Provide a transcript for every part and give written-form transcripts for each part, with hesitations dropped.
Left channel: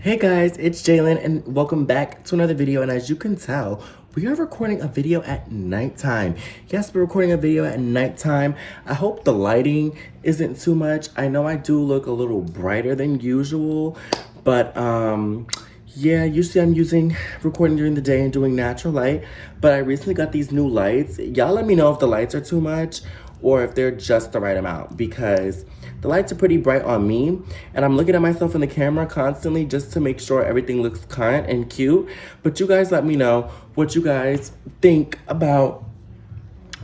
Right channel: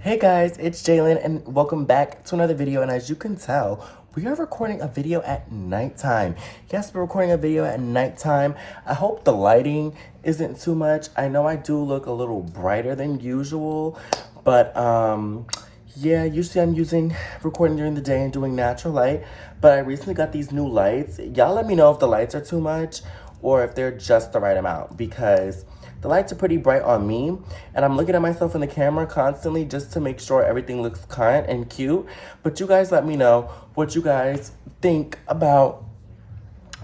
Hey guys, it's Jalen and welcome back to another video. And as you can tell, we are recording a video at nighttime. Yes, we're recording a video at nighttime. I hope the lighting isn't too much. I know I do look a little brighter than usual, but yeah, usually I'm using recording during the day and doing natural light, but I recently got these new lights. Y'all let me know if the lights are too much or if they're just the right amount, because the lights are pretty bright on me, and I'm looking at myself in the camera constantly just to make sure everything looks kind and cute. But you guys let me know what you guys think about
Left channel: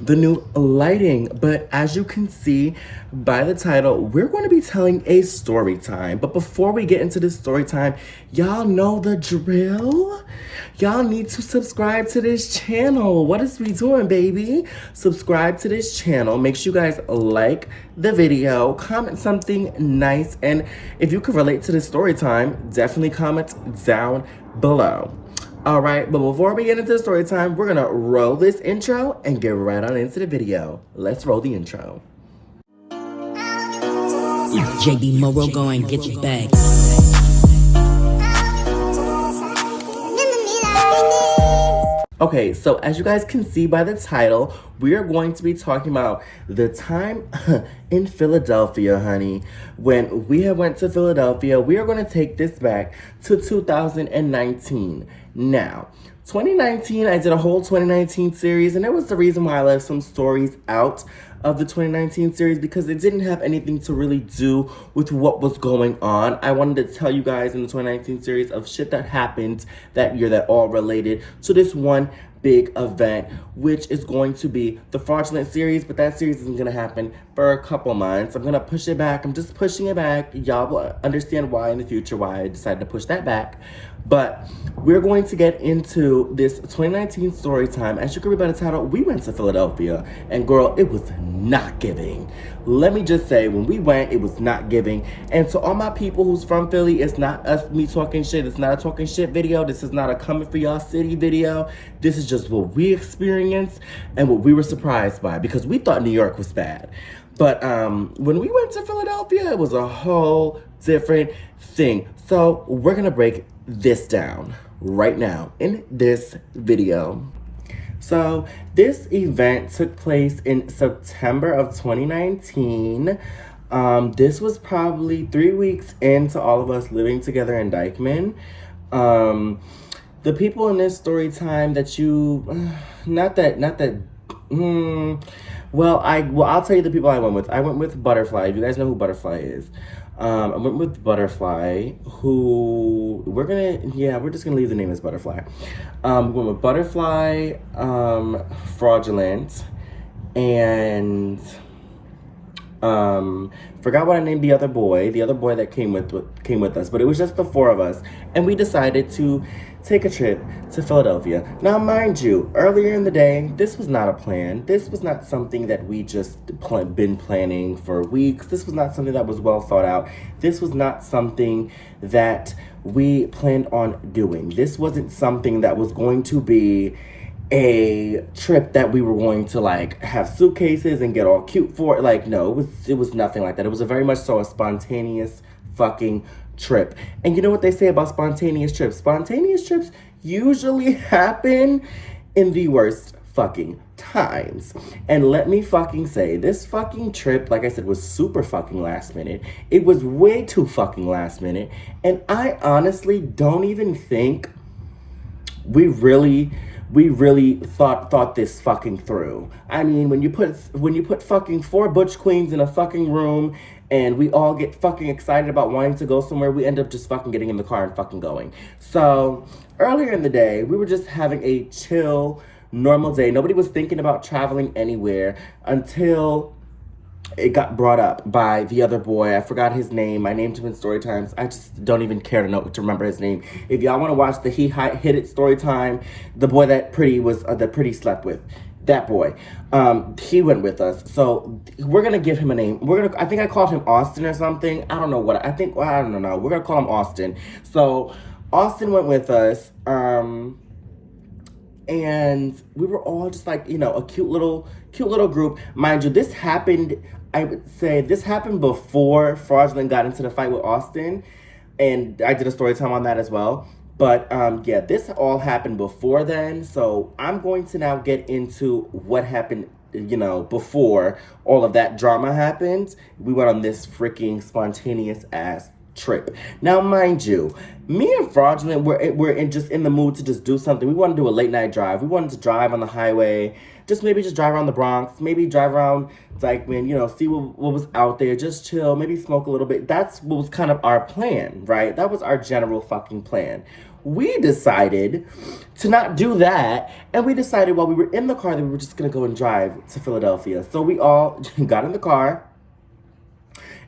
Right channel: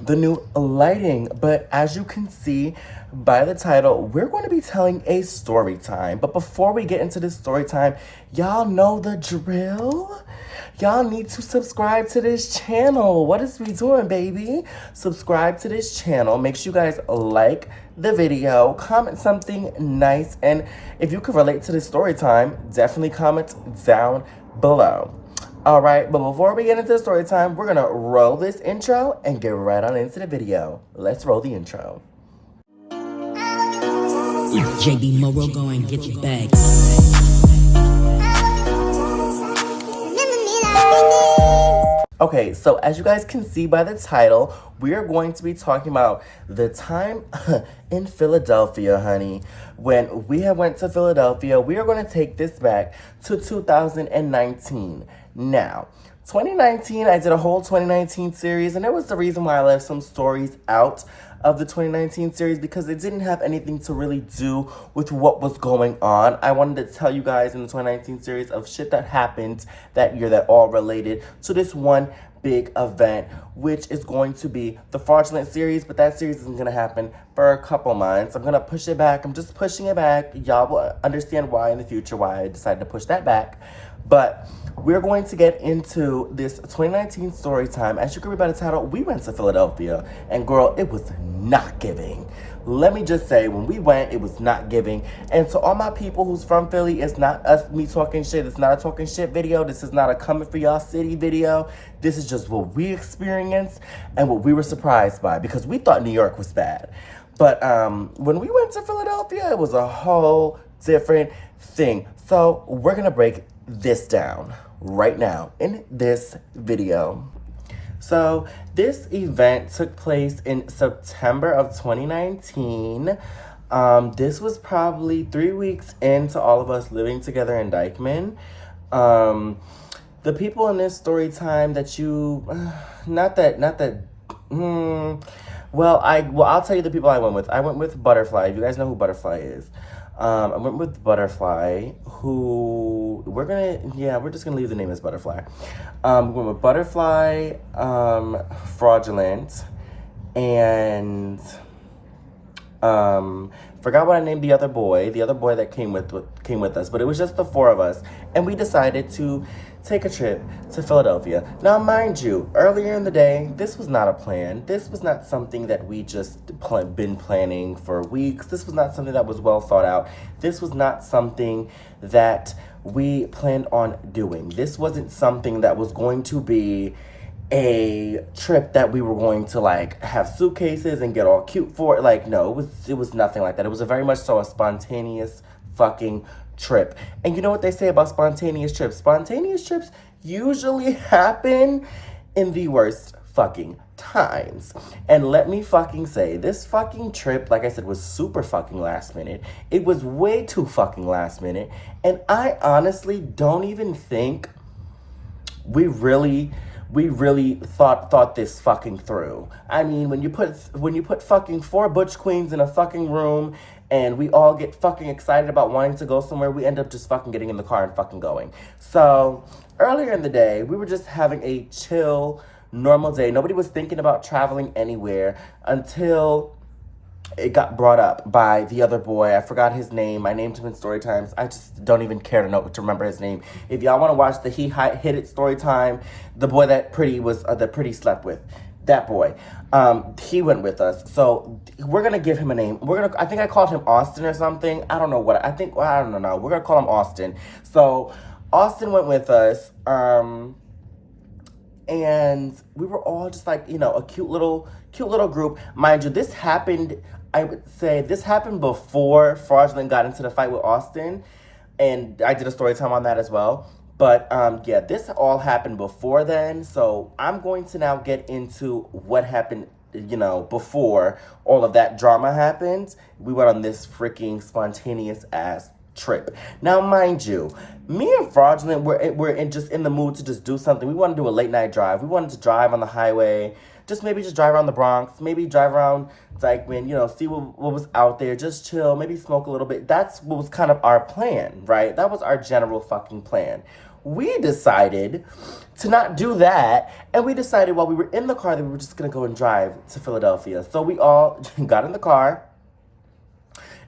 the new lighting. But as you can see by the title, we're going to be telling a story time. But before we get into this story time, y'all know the drill. Y'all need to subscribe to this channel. What is we doing, baby? Subscribe to this channel. Make sure you guys like the video, comment something nice, and if you can relate to this story time, definitely comment down below. All right, but before we get into the story time, we're gonna roll this intro and get right on into the video. Let's roll the intro. JB Morrow, go and get your bag. Okay, so as you guys can see by the title, we are going to be talking about the time in Philadelphia, honey. When we have went to Philadelphia, we are going to take this back to 2019. Now, 2019, I did a whole 2019 series, and it was the reason why I left some stories out of the 2019 series, because it didn't have anything to really do with what was going on. I wanted to tell you guys in the 2019 series of shit that happened that year that all related to this one big event, which is going to be the fraudulent series. But that series isn't gonna happen for a couple months. I'm gonna push it back. I'm just pushing it back. Y'all will understand why in the future, why I decided to push that back. But we're going to get into this 2019 story time. As you can read by the title, we went to Philadelphia, and girl, it was not giving. Let me just say, when we went, it was not giving. And to all my people who's from Philly, it's not me talking shit. It's not a talking shit video. This is not a coming for y'all city video. This is just what we experienced and what we were surprised by, because we thought New York was bad. But when we went to Philadelphia, it was a whole different thing. So we're gonna break this down right now in this video. So this event took place in September of 2019. This was probably 3 weeks into all of us living together in Dykeman. The people in this story time that you, I'll tell you the people I went with. I went with Butterfly. You guys know who Butterfly is. I went with Butterfly, who we're just gonna leave the name as Butterfly. We went with Butterfly, Fraudulent, and forgot what I named the other boy that came with us, but it was just the four of us, and we decided to take a trip to Philadelphia. Now, mind you, earlier in the day, this was not a plan. This was not something that we just been planning for weeks. This was not something that was well thought out. This was not something that we planned on doing. This wasn't something that was going to be a trip that we were going to like have suitcases and get all cute for. Like, no, it was nothing like that. It was a very much so a spontaneous fucking trip. And you know what they say about spontaneous trips? Spontaneous trips usually happen in the worst fucking times. And let me fucking say, this fucking trip, like I said, was super fucking last minute. It was way too fucking last minute. And I honestly don't even think we really thought this fucking through. I mean, when you put fucking 4 butch queens in a fucking room and we all get fucking excited about wanting to go somewhere, we end up just fucking getting in the car and fucking going. So earlier in the day, we were just having a chill, normal day. Nobody was thinking about traveling anywhere until it got brought up by the other boy. I forgot his name. I named him in story times. I just don't even care to remember his name. If y'all want to watch the He Hit It story time, the boy that Pretty slept with, that boy, he went with us. So we're gonna give him a name. I think I called him Austin or something. I don't know what I don't know. We're gonna call him Austin. So Austin went with us. And we were all just like, a cute little group. Mind you, this happened, I would say this happened before Fraudulent got into the fight with Austin. and I did a story time on that as well. But yeah, this all happened before then. So I'm going to now get into what happened, before all of that drama happened. We went on this freaking spontaneous ass trip. Now, mind you, me and Fraudulent were just in the mood to just do something. We wanted to do a late night drive. We wanted to drive on the highway, maybe just drive around the Bronx, maybe drive around Dykeman, see what was out there, just chill, maybe smoke a little bit. That's what was kind of our plan, right? That was our general fucking plan. We decided to not do that, and we decided while we were in the car that we were just gonna go and drive to Philadelphia. So we all got in the car,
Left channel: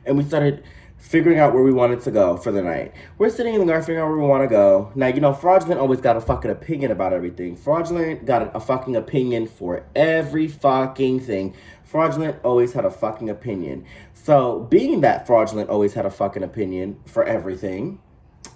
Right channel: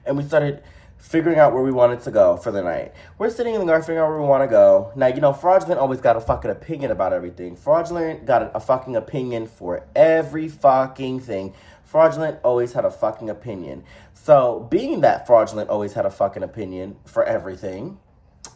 and we started figuring out where we wanted to go for the night. We're sitting in the car figuring out where we want to go. Now, Fraudulent always got a fucking opinion about everything. Fraudulent got a fucking opinion for every fucking thing. Fraudulent always had a fucking opinion. So, being that Fraudulent always had a fucking opinion for everything,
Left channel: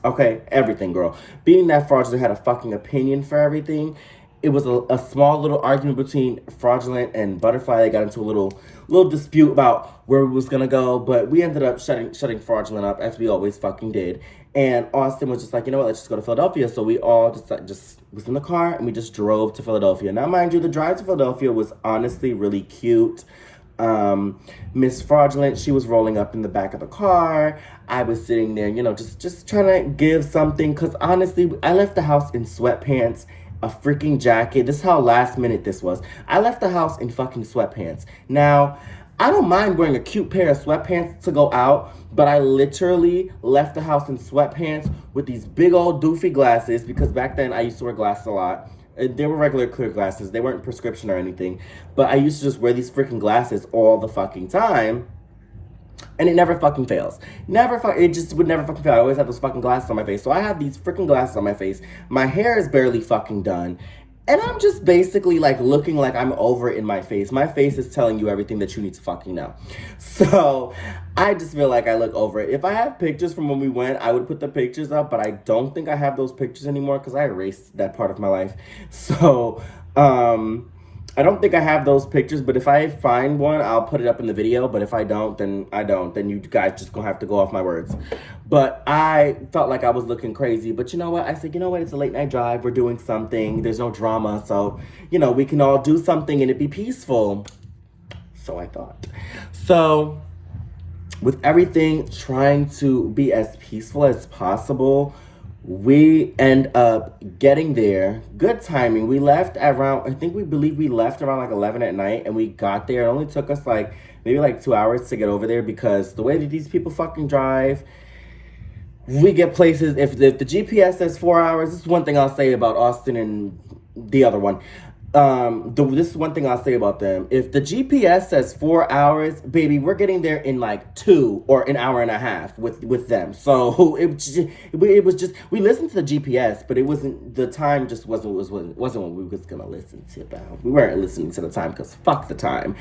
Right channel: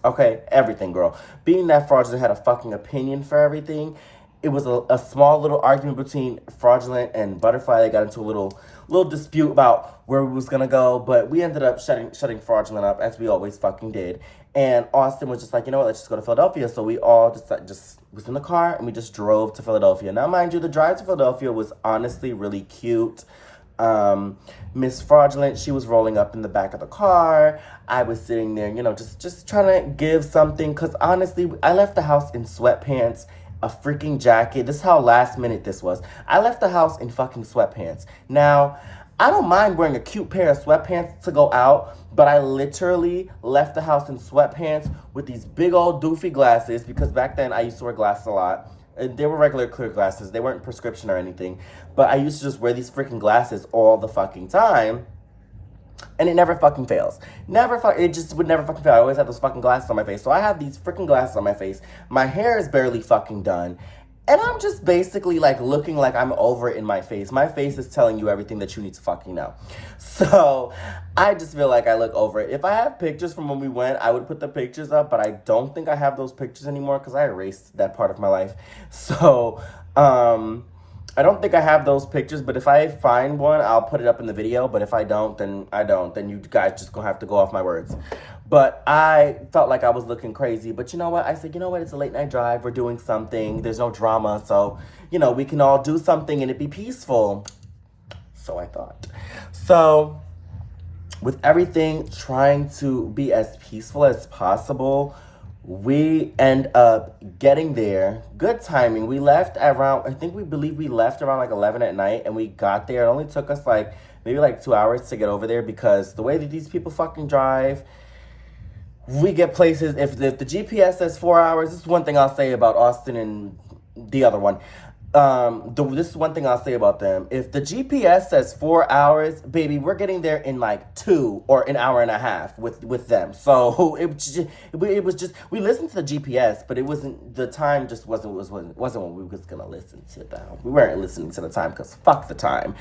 okay, everything, girl. Being that Fraudulent had a fucking opinion for everything, it was a small little argument between Fraudulent and Butterfly. They got into a little dispute about where we was gonna go, but we ended up shutting Fraudulent up, as we always fucking did. And Austin was just like, you know what, let's just go to Philadelphia. So we all just was in the car and we just drove to Philadelphia. Now, mind you, the drive to Philadelphia was honestly really cute. Miss Fraudulent, she was rolling up in the back of the car. I was sitting there, just trying to give something, because honestly, I left the house in sweatpants, a freaking jacket. This is how last minute this was. I left the house in fucking sweatpants. Now, I don't mind wearing a cute pair of sweatpants to go out, but I literally left the house in sweatpants with these big old doofy glasses, because back then I used to wear glasses a lot. They were regular clear glasses. They weren't prescription or anything. But I used to just wear these freaking glasses all the fucking time. And it never fucking fails. It just would never fucking fail. I always had those fucking glasses on my face. So I have these freaking glasses on my face. My hair is barely fucking done. And I'm just basically looking like I'm over it in my face. My face is telling you everything that you need to fucking know. So I just feel like I look over it. If I have pictures from when we went, I would put the pictures up, but I don't think I have those pictures anymore because I erased that part of my life. So, I don't think I have those pictures, but if I find one, I'll put it up in the video. But if I don't, then I don't. Then you guys just gonna have to go off my words. But I felt like I was looking crazy. But you know what? I said, you know what? It's a late night drive. We're doing something. There's no drama. So, we can all do something and it be peaceful. So I thought. So, with everything trying to be as peaceful as possible, we end up getting there. Good timing. We left around, we left around 11 at night, and we got there. It only took us maybe 2 hours to get over there, because the way that these people fucking drive, we get places. If the GPS says 4 hours, this is one thing I'll say about Austin and the other one. This is one thing I'll say about them. If the GPS says 4 hours, baby, we're getting there in 2 or an hour and a half with them. So it was just we listened to the GPS, but it wasn't, the time just wasn't what we was gonna listen to though. We weren't listening to the time, because fuck the time,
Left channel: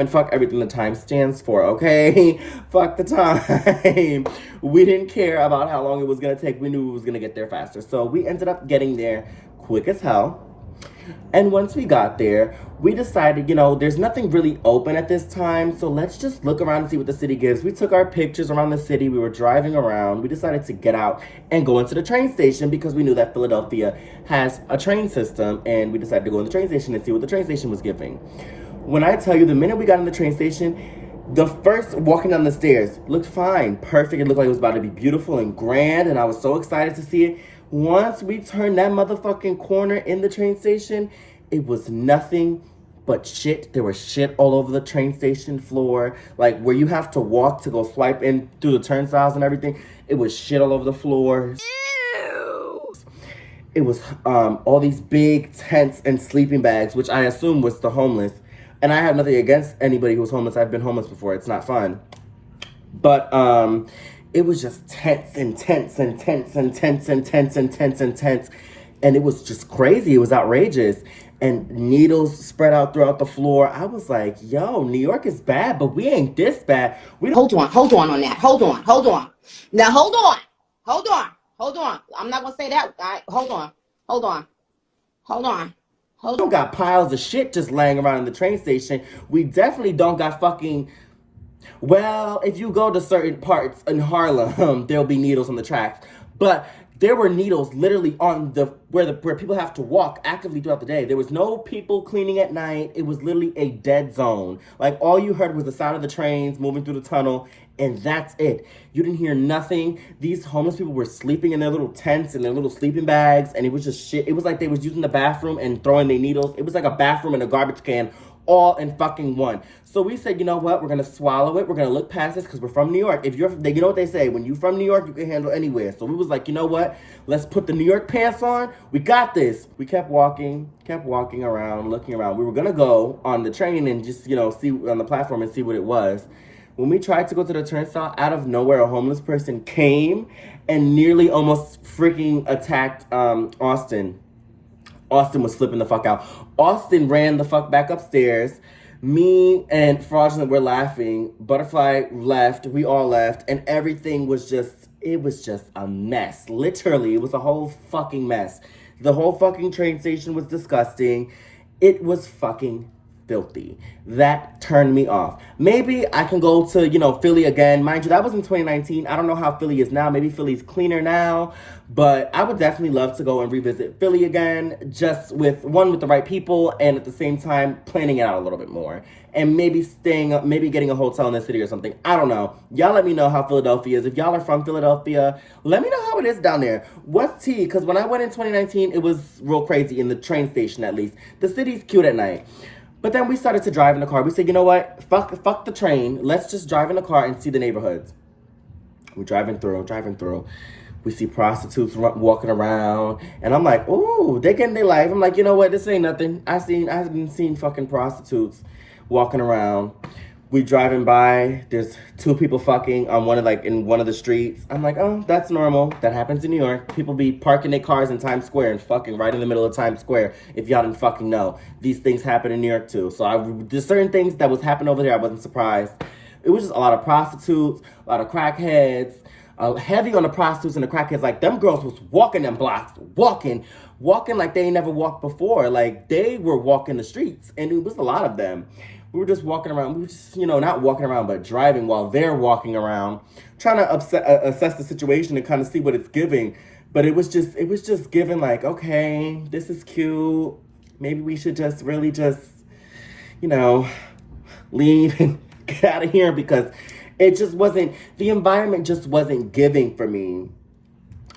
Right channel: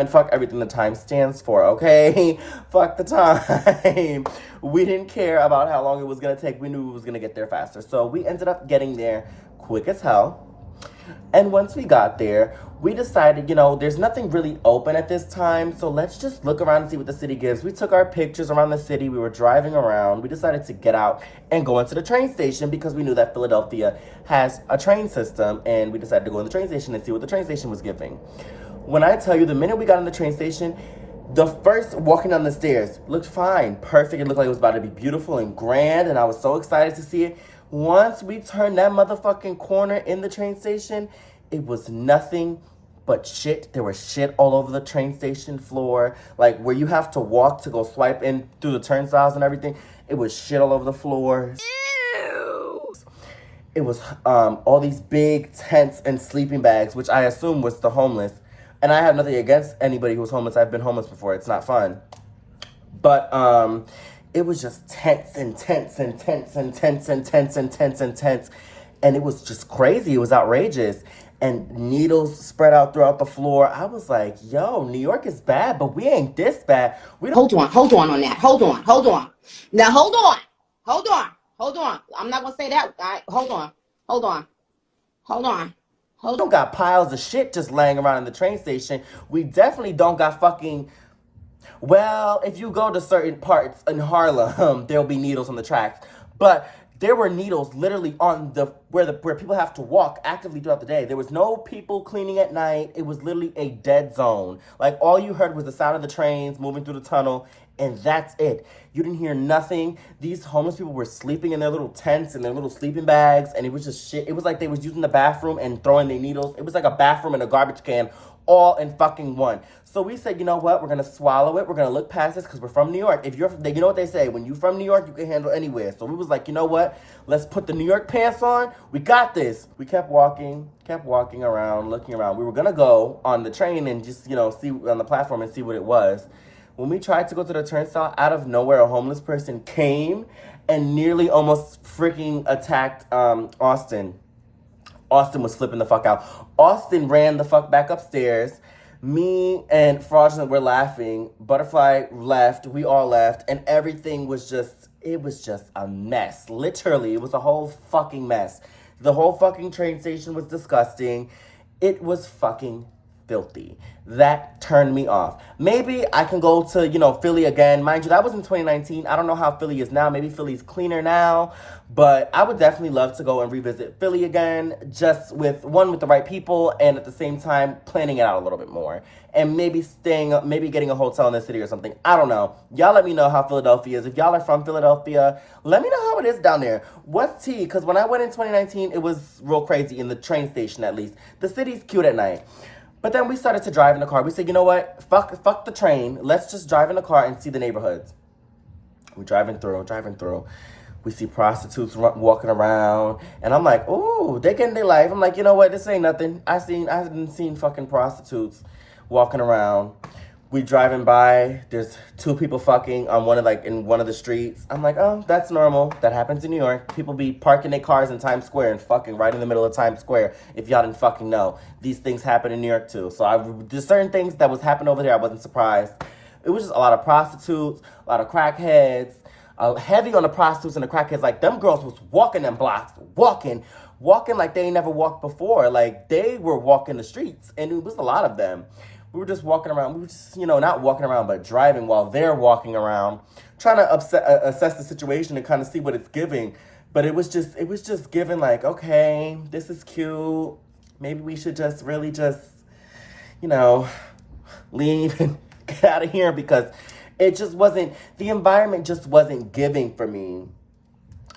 and fuck everything the time stands for. Okay, fuck the time. We didn't care about how long it was gonna take. We knew we was gonna get there faster. So we ended up getting there quick as hell. And once we got there, we decided, there's nothing really open at this time, so let's just look around and see what the city gives. We took our pictures around the city. We were driving around. We decided to get out and go into the train station, because we knew that Philadelphia has a train system, and we decided to go in the train station and see what the train station was giving. When I tell you, the minute we got in the train station, the first walking down the stairs looked fine, perfect. It looked like it was about to be beautiful and grand, and I was so excited to see it. Once we turned that motherfucking corner in the train station, it was nothing but shit. There was shit all over the train station floor, where you have to walk to go swipe in through the turnstiles and everything. It was shit all over the floor. Ew. It was all these big tents and sleeping bags, which I assume was the homeless. And I have nothing against anybody who's homeless. I've been homeless before. It's not fun. But it was just tents and tents and tents and tents and tents and tents and tents. And it was just crazy. It was outrageous. And needles spread out throughout the floor. I was like, yo, New York is bad, but we ain't this bad. Hold on on that. Hold on. Now, hold on. I'm not going to say that. Hold on. We don't got piles of shit just laying around in the train station. We definitely don't got fucking... Well, if you go to certain parts in Harlem, there'll be needles on the tracks. But there were needles literally on where people have to walk actively throughout the day. There was no people cleaning at night. It was literally a dead zone. Like, all you heard was the sound of the trains moving through the tunnel, and that's it. You didn't hear nothing. These homeless people were sleeping in their little tents and their little sleeping bags, and it was just shit. It was like they was using the bathroom and throwing their needles. It was like a bathroom and a garbage can all in fucking one. So we said, you know what? We're gonna swallow it. We're gonna look past this because we're from New York. If you're, you know what they say, when you're from New York, you can handle anywhere. So we was like, you know what? Let's put the New York pants on. We got this. We kept walking around, looking around. We were gonna go on the train and just, see on the platform and see what it was. When we tried to go to the turnstile, out of nowhere, a homeless person came and nearly almost freaking attacked Austin. Austin was flipping the fuck out. Austin ran the fuck back upstairs. Me and Fraudulent were laughing. Butterfly left. We all left. And everything was just, it was just a mess. Literally, it was a whole fucking mess. The whole fucking train station was disgusting. It was fucking filthy. That turned me off. Maybe I can go to, Philly again. Mind you, that was in 2019. I don't know how Philly is now. Maybe Philly's cleaner now. But I would definitely love to go and revisit Philly again, just with the right people, and at the same time planning it out a little bit more. And maybe getting a hotel in the city or something. I don't know. Y'all let me know how Philadelphia is. If y'all are from Philadelphia, let me know how it is down there. What's tea? Because when I went in 2019, it was real crazy, in the train station at least. The city's cute at night. But then we started to drive in the car. We said, you know what? Fuck the train. Let's just drive in the car and see the neighborhoods. We're driving through. We see prostitutes walking around. And I'm like, ooh, they getting their life. I'm like, you know what? This ain't nothing. I haven't seen fucking prostitutes walking around. We driving by. There's two people fucking on in one of the streets. I'm like, oh, that's normal. That happens in New York. People be parking their cars in Times Square and fucking right in the middle of Times Square. If y'all didn't fucking know, these things happen in New York too. So there's certain things that was happening over there. I wasn't surprised. It was just a lot of prostitutes, a lot of crackheads. Heavy on the prostitutes and the crackheads. Like, them girls was walking them blocks, walking like they ain't never walked before. Like, they were walking the streets, and it was a lot of them. We were just walking around. We were just, not walking around, but driving while they're walking around, trying to assess the situation and kind of see what it's giving. But it was just giving like, okay, this is cute. Maybe we should just really leave and get out of here, because it just wasn't, the environment just wasn't giving for me.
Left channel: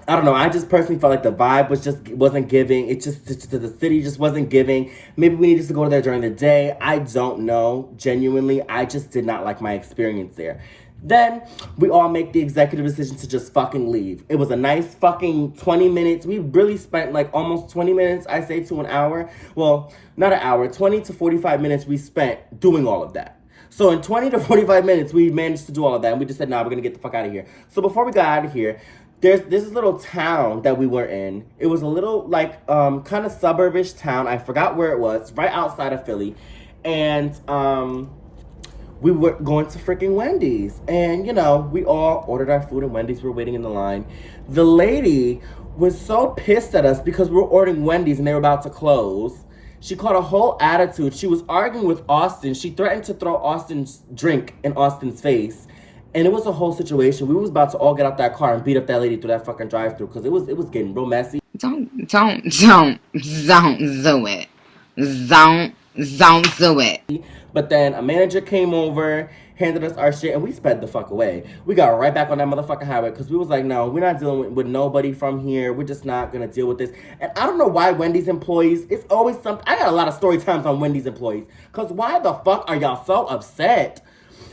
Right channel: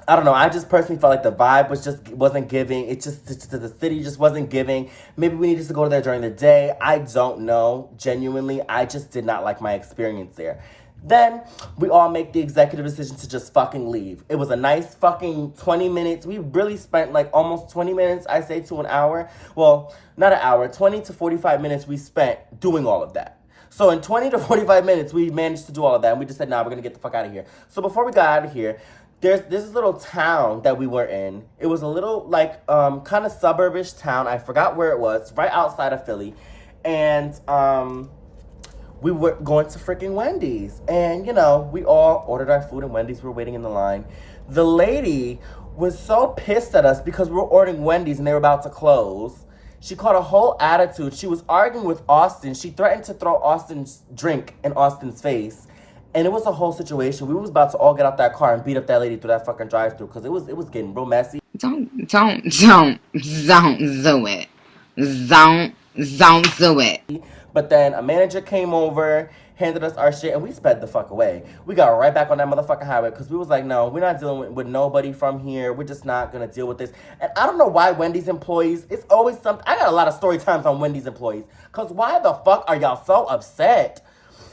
I don't know. I just personally felt like the vibe wasn't giving. The city just wasn't giving. Maybe we needed to go there during the day. I don't know. Genuinely, I just did not like my experience there. Then we all make the executive decision to just fucking leave. It was a nice fucking 20 minutes. We really spent like almost 20 minutes, I say, to an hour. Well, not an hour, 20 to 45 minutes we spent doing all of that. So in 20 to 45 minutes, we managed to do all of that. And we just said, nah, we're going to get the fuck out of here. So before we got out of here, there's this little town that we were in. It was a little, kind of suburbish town. I forgot where it was. Right outside of Philly. And we were going to freaking Wendy's. And, we all ordered our food at Wendy's. We were waiting in the line. The lady was so pissed at us because we were ordering Wendy's and they were about to close. She caught a whole attitude. She was arguing with Austin. She threatened to throw Austin's drink in Austin's face. And it was a whole situation. We was about to all get out that car and beat up that lady through that fucking drive-thru, because it was getting real messy. Don't do it. Don't do it. But then a manager came over, handed us our shit, and we sped the fuck away. We got right back on that motherfucking highway, because we was like, no, we're not dealing with nobody from here. We're just not going to deal with this. And I don't know why Wendy's employees, it's always something. I got a lot of story times on Wendy's employees, because why the fuck are y'all so upset?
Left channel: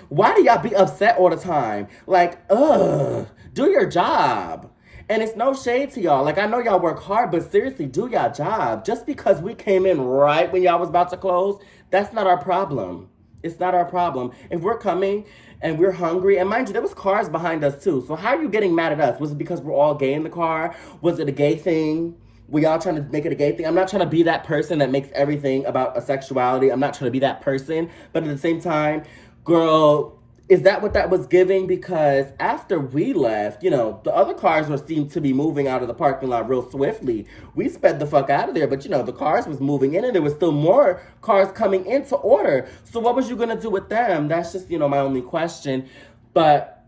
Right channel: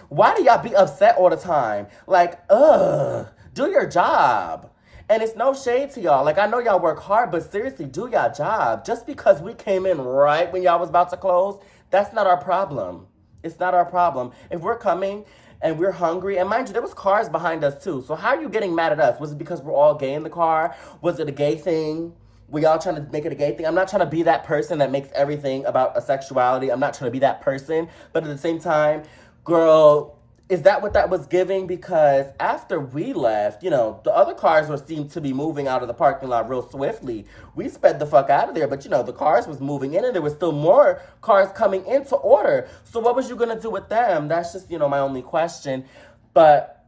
Why do y'all be upset all the time? Like, do your job. And it's no shade to y'all. Like, I know y'all work hard, but seriously, do y'all job. Just because we came in right when y'all was about to close, that's not our problem. It's not our problem. If we're coming and we're hungry, and mind you, there was cars behind us too. So how are you getting mad at us? Was it because we're all gay in the car? Was it a gay thing? Were y'all trying to make it a gay thing? I'm not trying to be that person that makes everything about a sexuality. I'm not trying to be that person. But at the same time, girl, Is that what that was giving? Because after we left, the other cars seemed to be moving out of the parking lot real swiftly. We sped the fuck out of there, but the cars was moving in and there was still more cars coming in to order. So what was you gonna do with them? That's just, my only question. But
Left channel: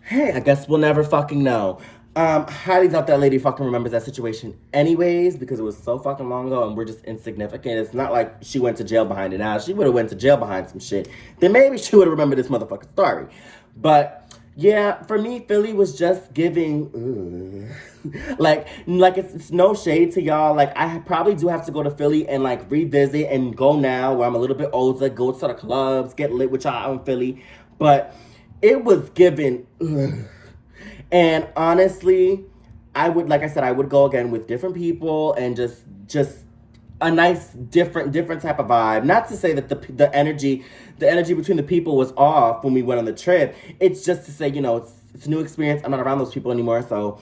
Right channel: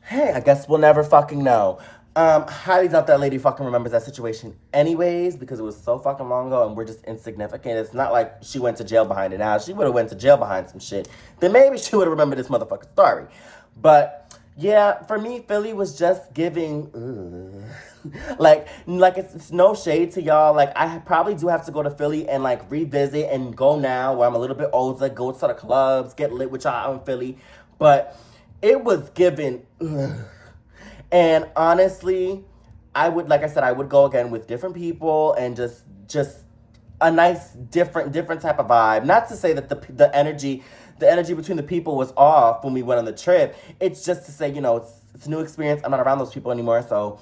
hey, I guess we'll never fucking know. Highly doubt that lady fucking remembers that situation anyways, because it was so fucking long ago and we're just insignificant. It's not like she went to jail behind it now. She would have went to jail behind some shit. Then maybe she would have remembered this motherfucking story. But yeah, for me, Philly was just giving, like it's no shade to y'all. Like, I probably do have to go to Philly and like revisit and go now where I'm a little bit older, go to the clubs, get lit with y'all out in Philly. But it was giving, and honestly, I would, like I said, I would go again with different people and just a nice, different type of vibe. Not to say that the energy between the people was off when we went on the trip. It's just to say, it's a new experience. I'm not around those people anymore, so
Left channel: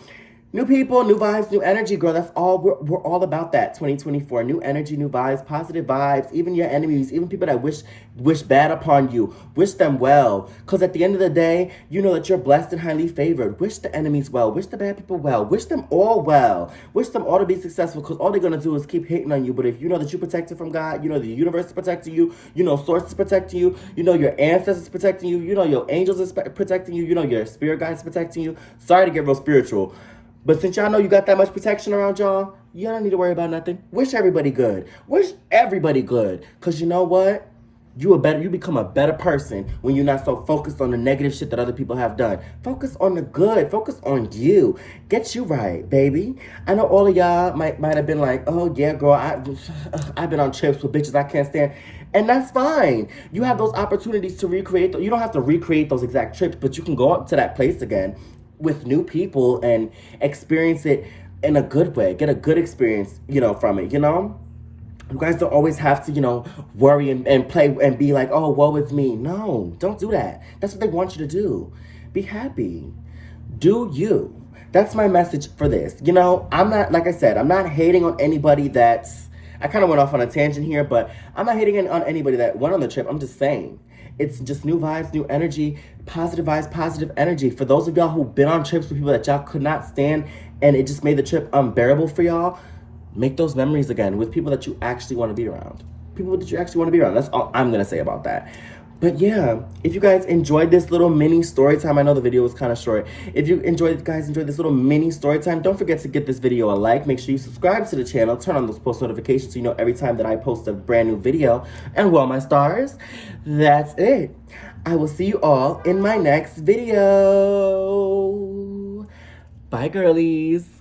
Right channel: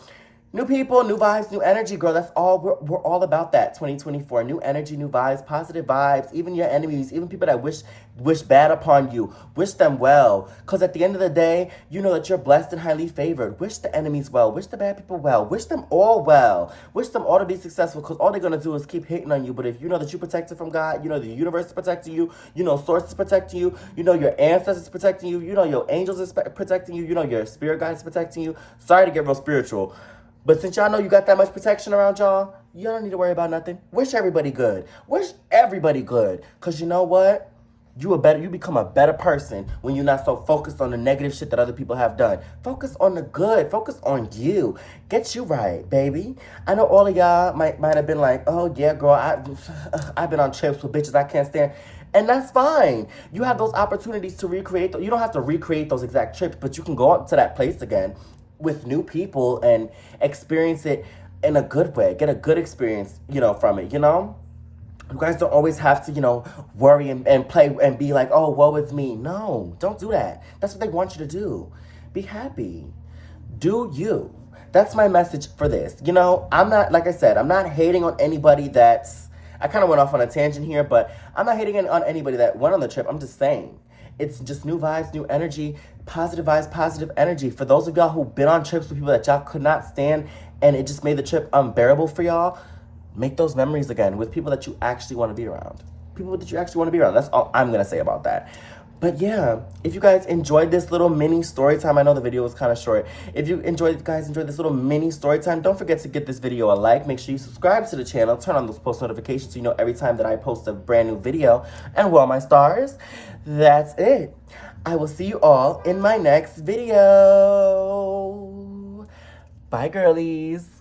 new people, new vibes, new energy, girl. That's all we're all about. That 2024, new energy, new vibes, positive vibes. Even your enemies, even people that wish bad upon you, wish them well. Cause at the end of the day, you know that you're blessed and highly favored. Wish the enemies well. Wish the bad people well. Wish them all well. Wish them all to be successful. Cause all they're gonna do is keep hating on you. But if you know that you're protected from God, the universe is protecting you. Source is protecting you. Your ancestors is protecting you. Your angels is protecting you. Your spirit guides is protecting you. Sorry to get real spiritual. But since y'all know you got that much protection around y'all don't need to worry about nothing. Wish everybody good. Wish everybody good. Cause you know what? You become a better person when you're not so focused on the negative shit that other people have done. Focus on the good. Focus on you. Get you right, baby. I know all of y'all might have been like, oh yeah, girl, I've been on trips with bitches I can't stand. And that's fine. You have those opportunities to recreate. You don't have to recreate those exact trips, but you can go up to that place again with new people and experience it in a good way. Get a good experience, from it, You guys don't always have to, worry and play and be like, oh, woe is me. No, don't do that. That's what they want you to do. Be happy. Do you. That's my message for this. I'm not, like I said, I'm not hating on anybody I kind of went off on a tangent here, but I'm not hating on anybody that went on the trip. I'm just saying. It's just new vibes, new energy, positive vibes, positive energy. For those of y'all who've been on trips with people that y'all could not stand and it just made the trip unbearable for y'all, make those memories again with people that you actually want to be around. People that you actually want to be around. That's all I'm going to say about that. But yeah, if you guys enjoyed this little mini story time, I know the video was kind of short. If you enjoyed this little mini story time, don't forget to give this video a like. Make sure you subscribe to the channel. Turn on those post notifications so you know every time that I post a brand new video. And well, my stars, that's it. I will see you all in my next video. Bye, girlies.